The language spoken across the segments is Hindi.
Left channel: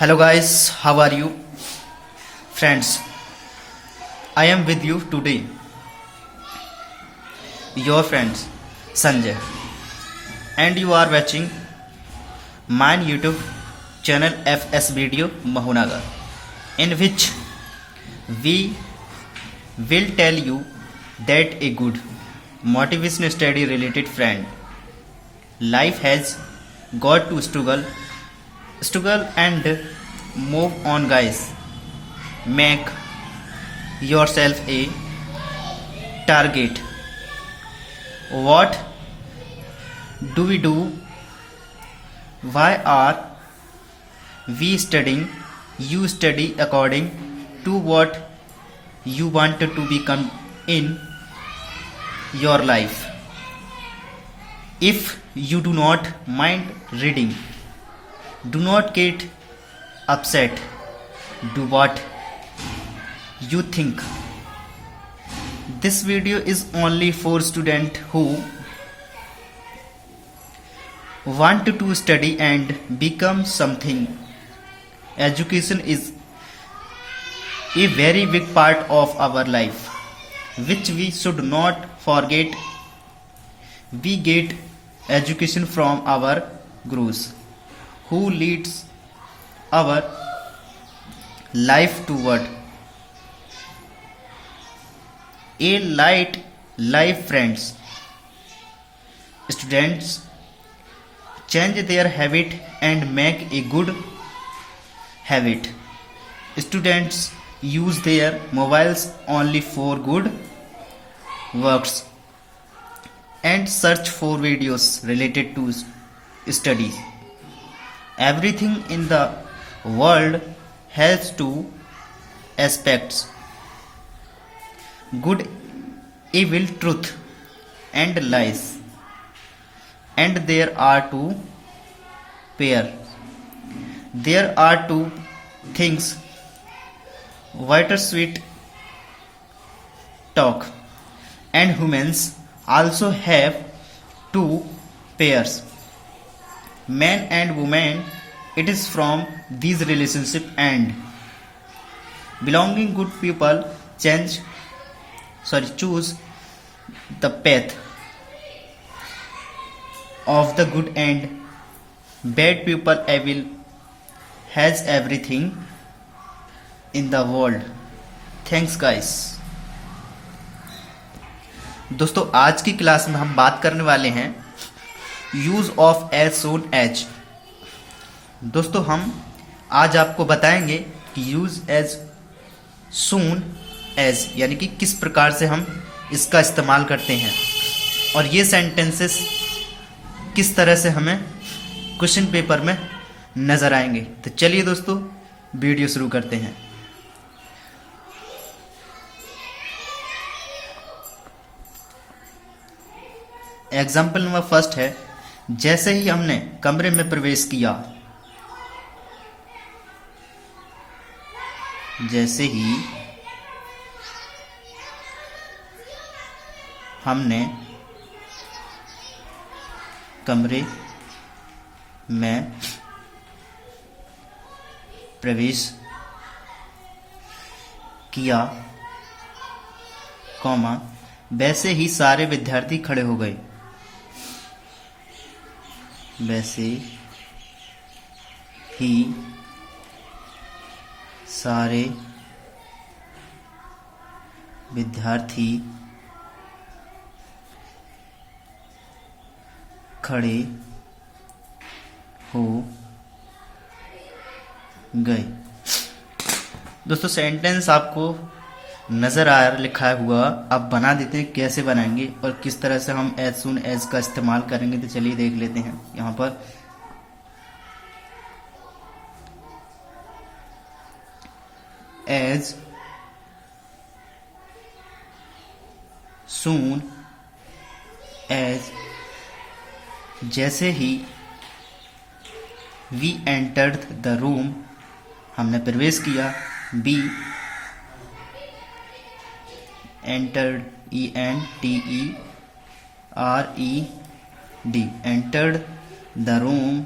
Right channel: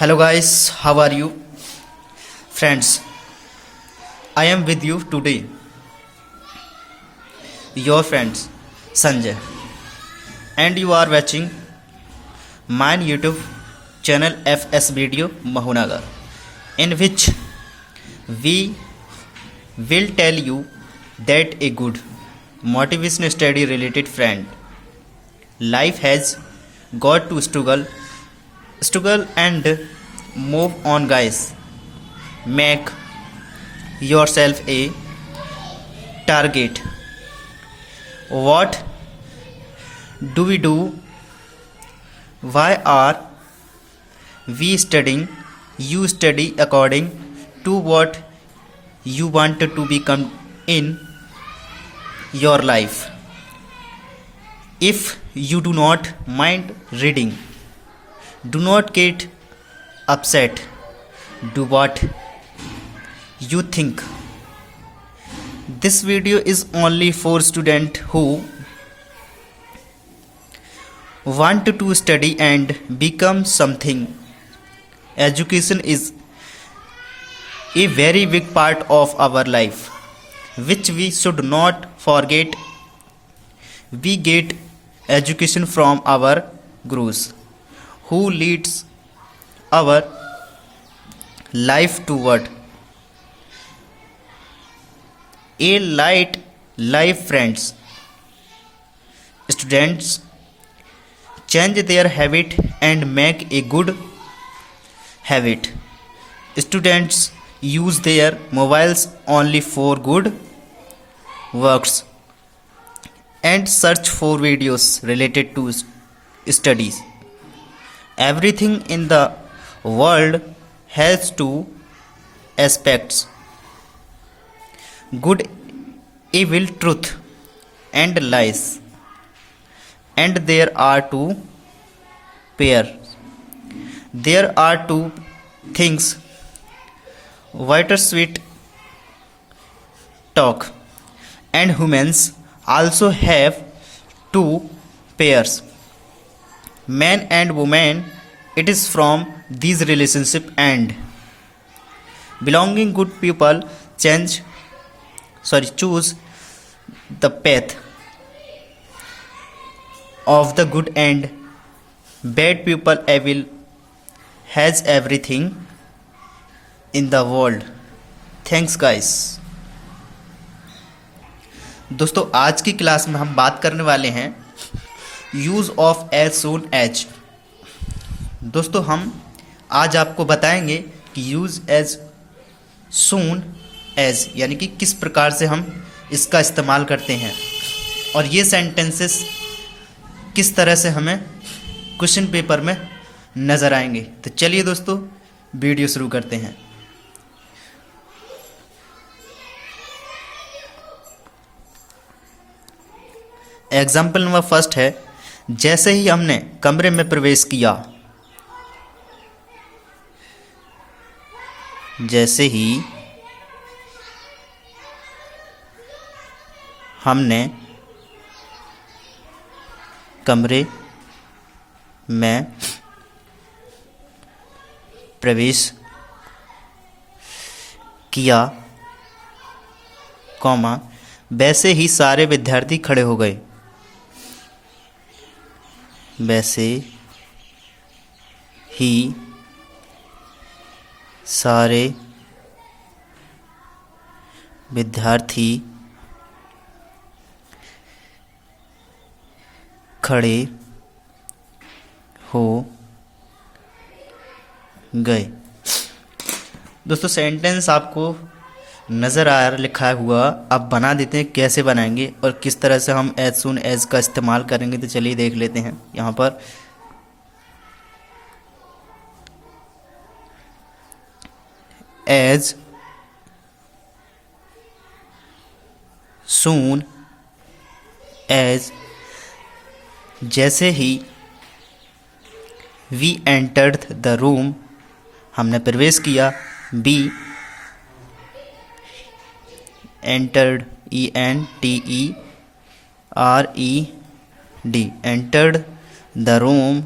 Hello guys, how are you? Friends, I am with you today. Your friends Sanjay, and you are watching my YouTube channel FS Video Mahunagar, in which we will tell you that a good motivation study related friend life has got to struggle and move on, guys. Make yourself a target. What do we do? Why are we studying? You study according to what you want to become in your life. If you do not mind reading, do not get upset. Do what you think. This video is only for students who want to study and become something. Education is a very big part of our life, which we should not forget. We get education from our gurus, who leads our life toward a light life. Friends, students change their habit and make a good habit. Students use their mobiles only for good works and search for videos related to studies. Everything in the world has two aspects: good, evil, truth, and lies. And there are two pair. There are two things: white sweet talk. And humans also have two pairs, man and woman. It is from these relationship and belonging good people choose the path of the good, and bad people evil has everything in the world. Thanks guys. दोस्तों, आज की क्लास में हम बात करने वाले हैं use of as soon as. दोस्तों, हम आज आपको बताएंगे कि यूज एज सून एज यानी कि किस प्रकार से हम इसका इस्तेमाल करते हैं और ये सेंटेंसेस किस तरह से हमें क्वेश्चन पेपर में नज़र आएंगे। तो चलिए दोस्तों, वीडियो शुरू करते हैं। एग्जाम्पल नंबर फर्स्ट है, जैसे ही हमने कमरे में प्रवेश किया। जैसे ही हमने कमरे में प्रवेश किया, कॉमा, वैसे ही सारे विद्यार्थी खड़े हो गए। वैसे ही सारे विद्यार्थी खड़े हो गए। दोस्तों, सेंटेंस आपको नज़र आ लिखा हुआ, अब बना देते हैं कैसे बनाएंगे और किस तरह से हम एज सून एज का इस्तेमाल करेंगे। तो चलिए देख लेते हैं। यहाँ पर एज सून एज, जैसे ही वी एंटर्ड द रूम, हमने प्रवेश किया। Be entered, ENTERED, entered the room,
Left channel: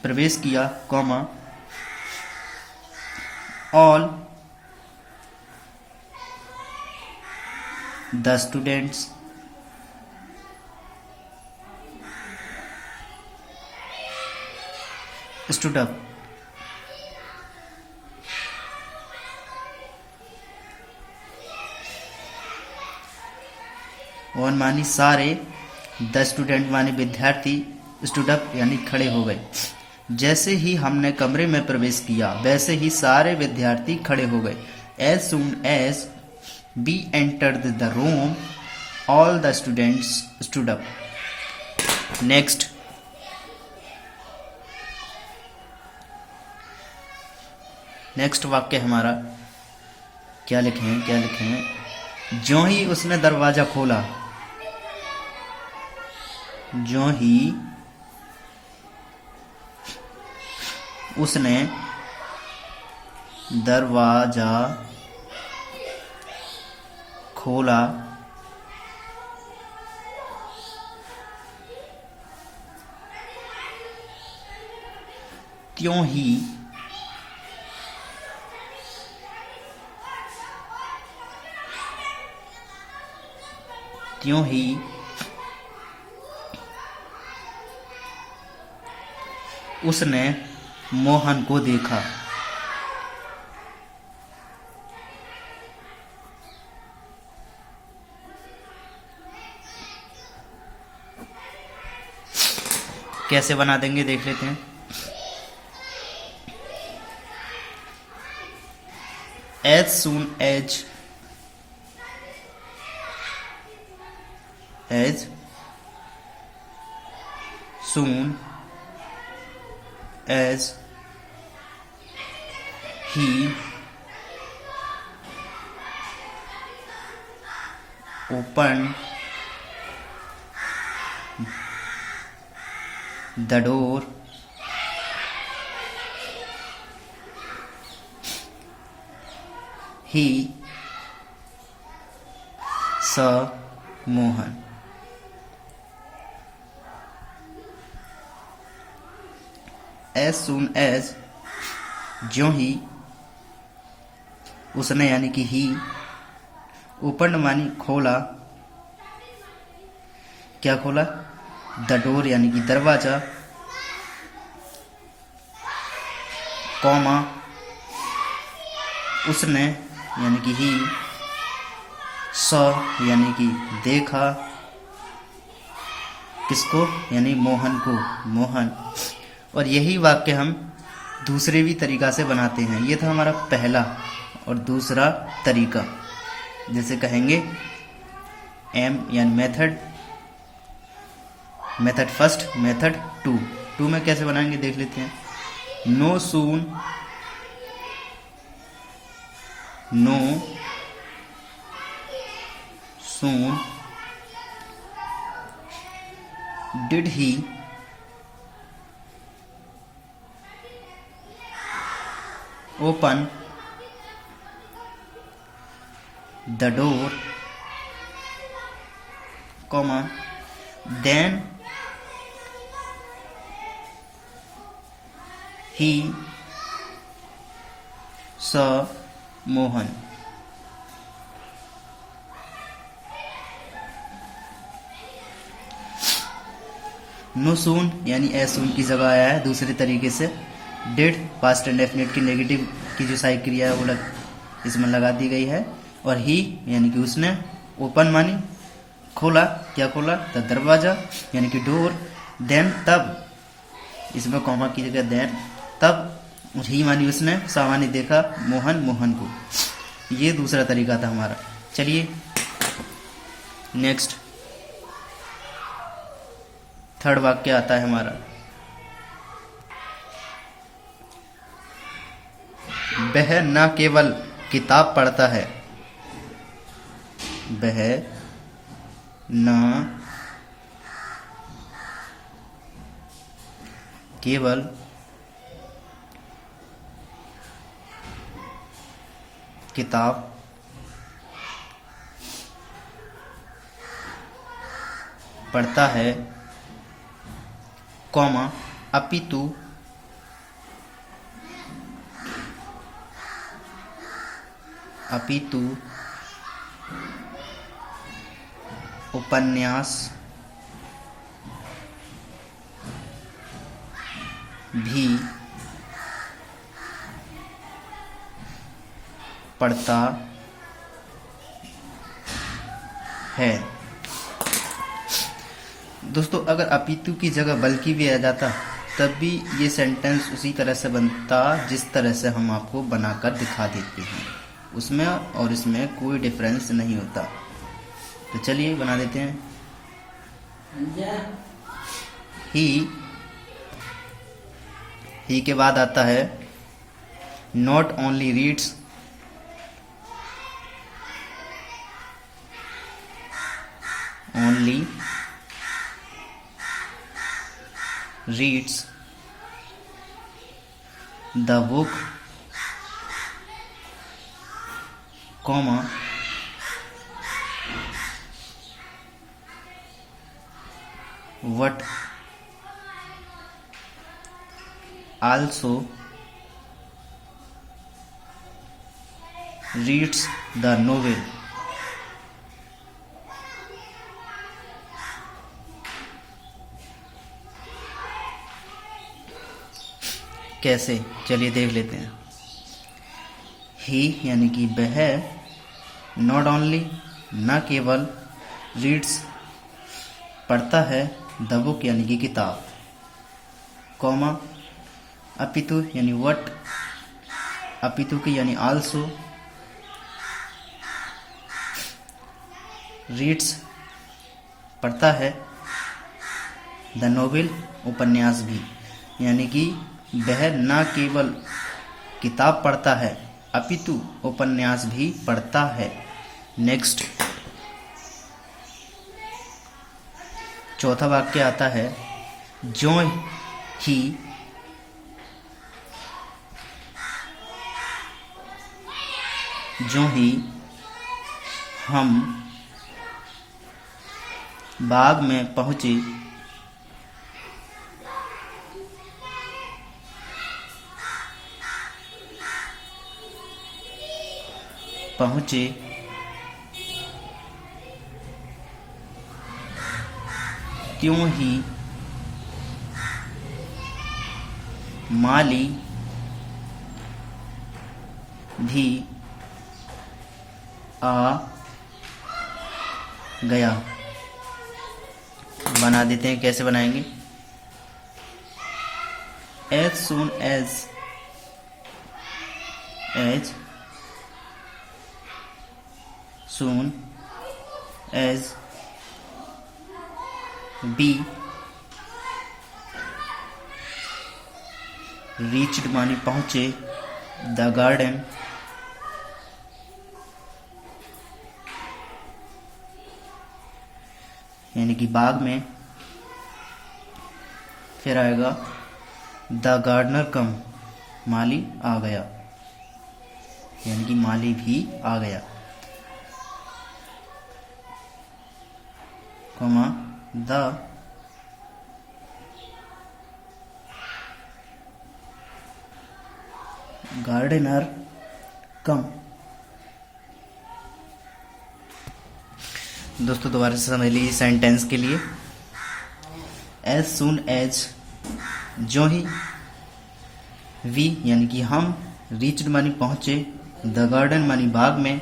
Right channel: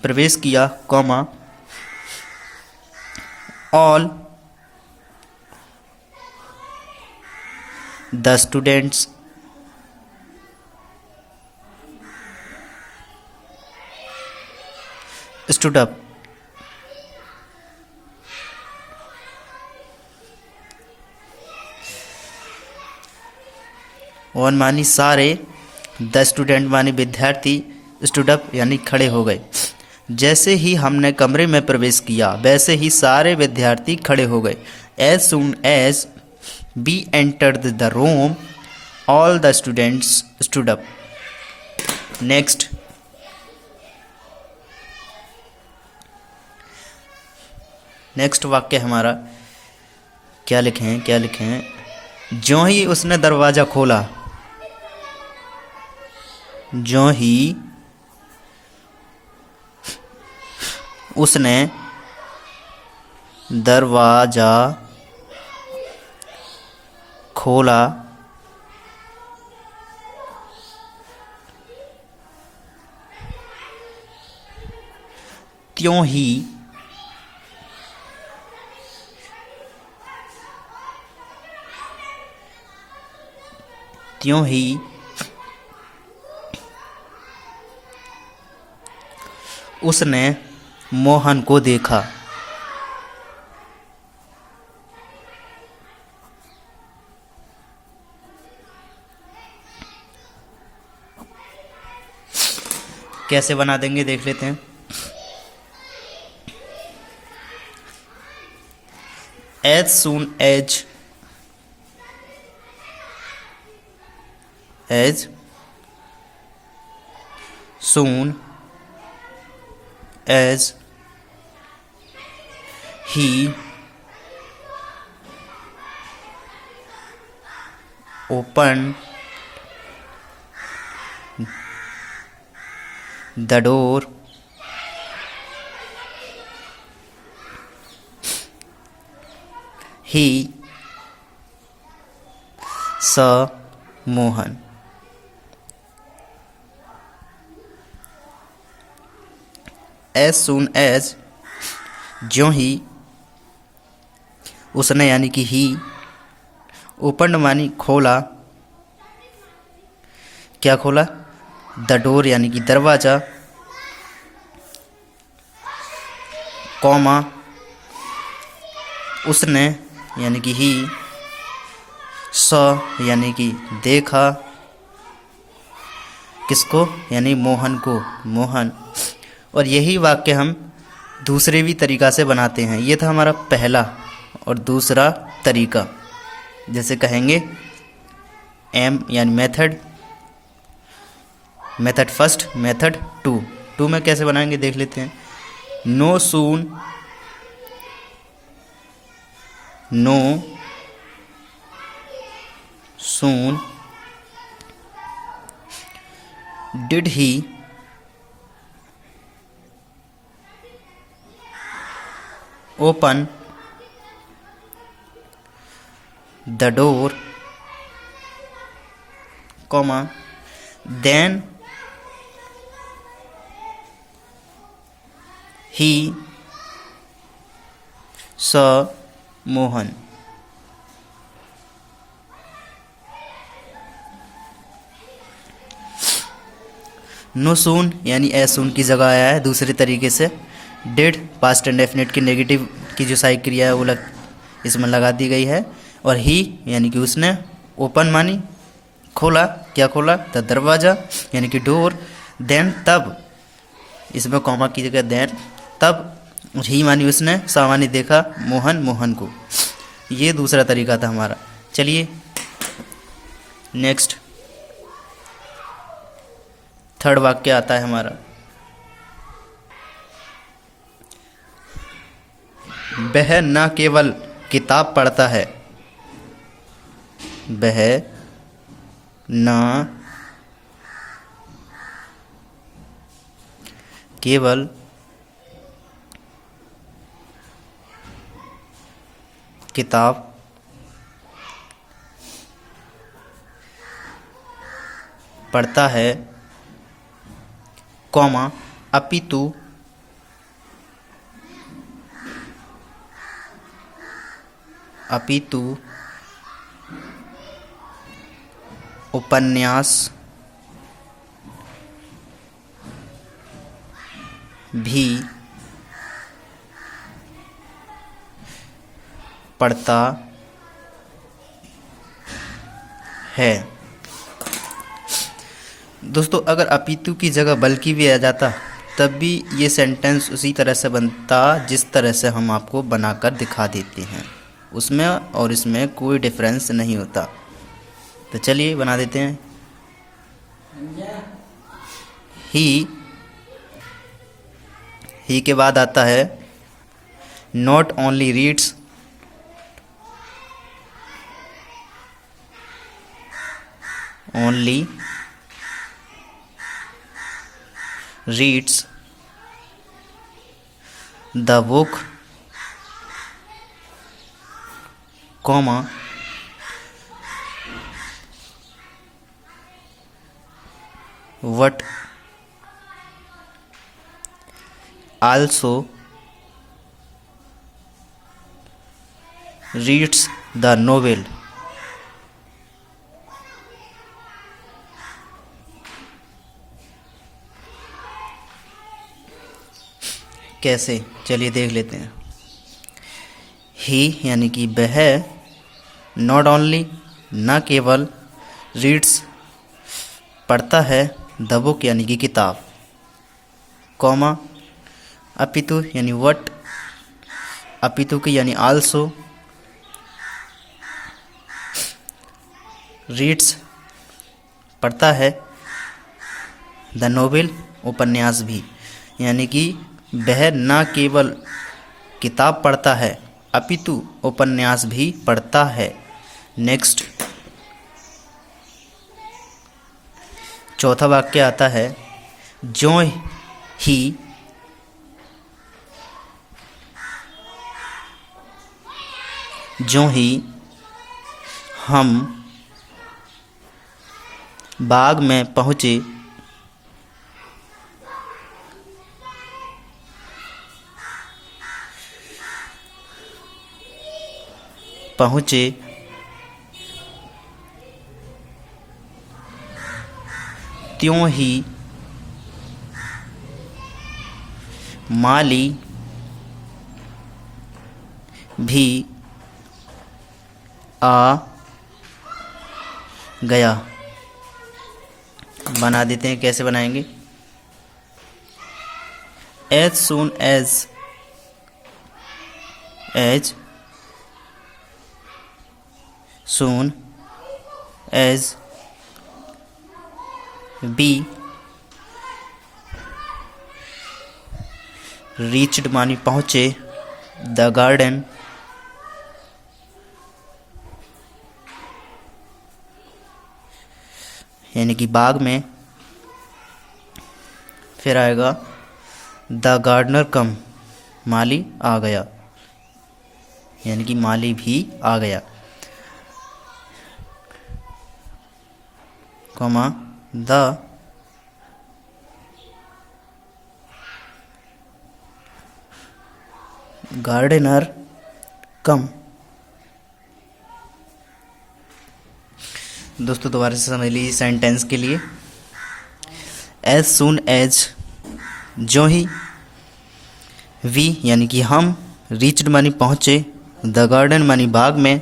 प्रवेश किया, comma all the students stood up. One मानी सारे, द स्टूडेंट मानी विद्यार्थी, स्टूड अप यानी खड़े हो गए। जैसे ही हमने कमरे में प्रवेश किया वैसे ही सारे विद्यार्थी खड़े हो गए। As soon as we entered the room all the students stood up. Next, next वाक्य हमारा क्या लिखे हैं, ज्यों ही उसने दरवाजा खोला, ज्यों ही उसने दरवाजा खोला, त्यों ही उसने मोहन को देखा। कैसे बना देंगे देख लेते हैं। As soon as, as soon as he opened the door, he saw Mohan। As soon as, ज्यों ही उसने यानी कि ही, ओपन मानी खोला, क्या खोला, द डोर यानी कि दरवाजा, कॉमा उसने यानी कि ही, सॉ यानी कि देखा, किसको यानी मोहन को, मोहन। और यही वाक्य हम दूसरे भी तरीका से बनाते हैं। ये था हमारा पहला। और दूसरा तरीका जैसे कहेंगे एम यानी method, method first, method two. Two में कैसे बनाएंगे देख लेते हैं। No soon, no soon did he open the door, comma then he saw Mohan। No soon यानी एज सून की जगह आया है दूसरे तरीके से। डिड पास्ट एंड डेफिनेट की नेगेटिव की जो सहायक क्रिया है वो इसमें लगा दी गई है। और ही यानी कि उसने, ओपन मानी खोला, क्या खोला, द दरवाजा यानी कि डोर, देन तब, इसमें कॉमा की जगह देन, तब ही मानी उसने, सा मानी देखा, मोहन मोहन को। ये दूसरा तरीका था हमारा। चलिए नेक्स्ट थर्ड वाक्य आता है हमारा। वह न केवल किताब पढ़ता है, वह न केवल किताब पढ़ता है, कॉमा अपितु अपितु उपन्यास भी पढ़ता है। दोस्तों अगर अपितु की जगह बल्कि भी आ जाता तब भी ये सेंटेंस उसी तरह से बनता जिस तरह से हम आपको बनाकर दिखा देते हैं, उसमें और इसमें कोई डिफरेंस नहीं होता। तो चलिए बना देते हैं। ही के बाद आता है not only reads the book, comma what also reads the novel। कैसे, चलिए देख लेते हैं। ही यानी कि वह, नॉट ओनली न केवल, रीड्स पढ़ता है, द बुक यानी कि किताब, कॉमा अपितु यानी वट, अपितु की यानी आल्सो, रीड्स पढ़ता है, द नोवेल उपन्यास भी, यानी कि वह न केवल किताब पढ़ता है अपितु उपन्यास भी पढ़ता है। नेक्स्ट चौथा वाक्य आता है जो ही हम बाग में पहुँचे त्यों ही माली भी आ गया। बना देते हैं, कैसे बनाएंगे। as soon as be reached मानी पहुँचे, द गार्डन यानी कि बाग में, फिर आएगा द गार्डनर कम, माली आ गया, यानी कि माली भी आ गया, कॉमा द गार्डनर कम। दोस्तों दोबारा से समझ लीजिए सेंटेंस के लिए। एज सुन एज जो ही, वी यानी कि हम, रीच्ड मानी पहुँचे, द गार्डन मानी बाग में,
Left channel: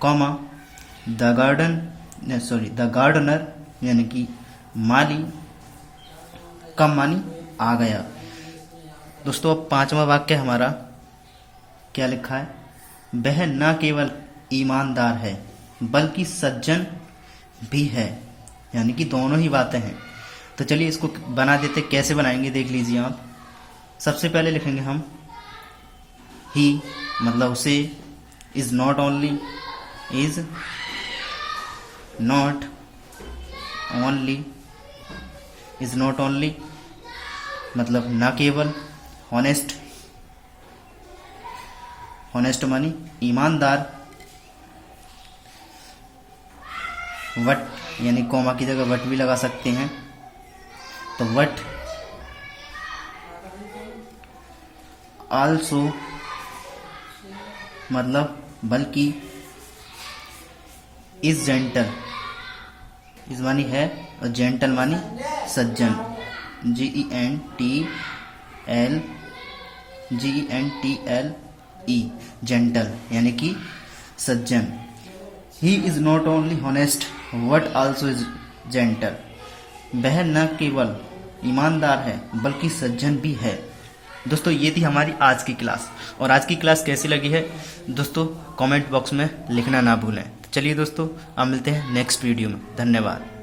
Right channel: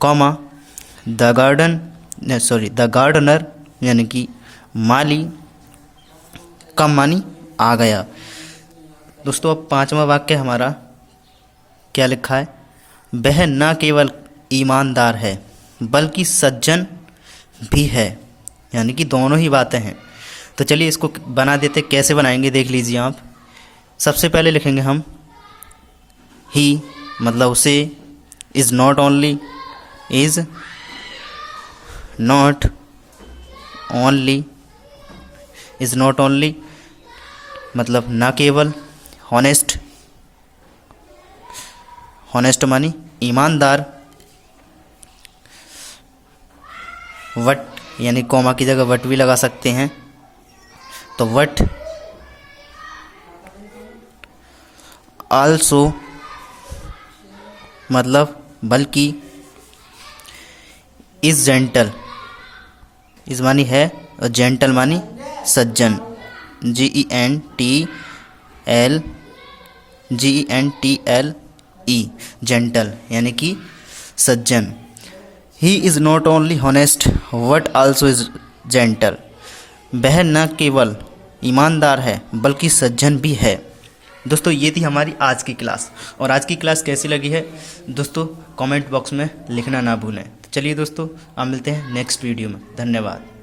कॉमा द गार्डनर यानी कि माली, कम मानी आ गया। दोस्तों अब पांचवा वाक्य हमारा क्या लिखा है, वह न केवल ईमानदार है बल्कि सज्जन भी है, यानी कि दोनों ही बातें हैं। तो चलिए इसको बना देते, कैसे बनाएंगे देख लीजिए आप। सबसे पहले लिखेंगे हम ही, मतलब उसे, is not only, is not only, is not only मतलब न केवल, हॉनेस्ट, हॉनेस्ट मानी ईमानदार, वट यानी कॉमा की जगह वट भी लगा सकते हैं, तो वट, आल्सो मतलब बल्कि इज जेंटल, इज मानी है और जेंटल मानी सज्जन, GENTLE जेंटल यानी कि सज्जन। He is not only honest but also is gentle, वह न केवल ईमानदार है बल्कि सज्जन भी है। दोस्तों ये थी हमारी आज की क्लास, और आज की क्लास कैसी लगी है दोस्तों कमेंट बॉक्स में लिखना ना भूलें। चलिए दोस्तों, अब मिलते हैं नेक्स्ट वीडियो में। धन्यवाद।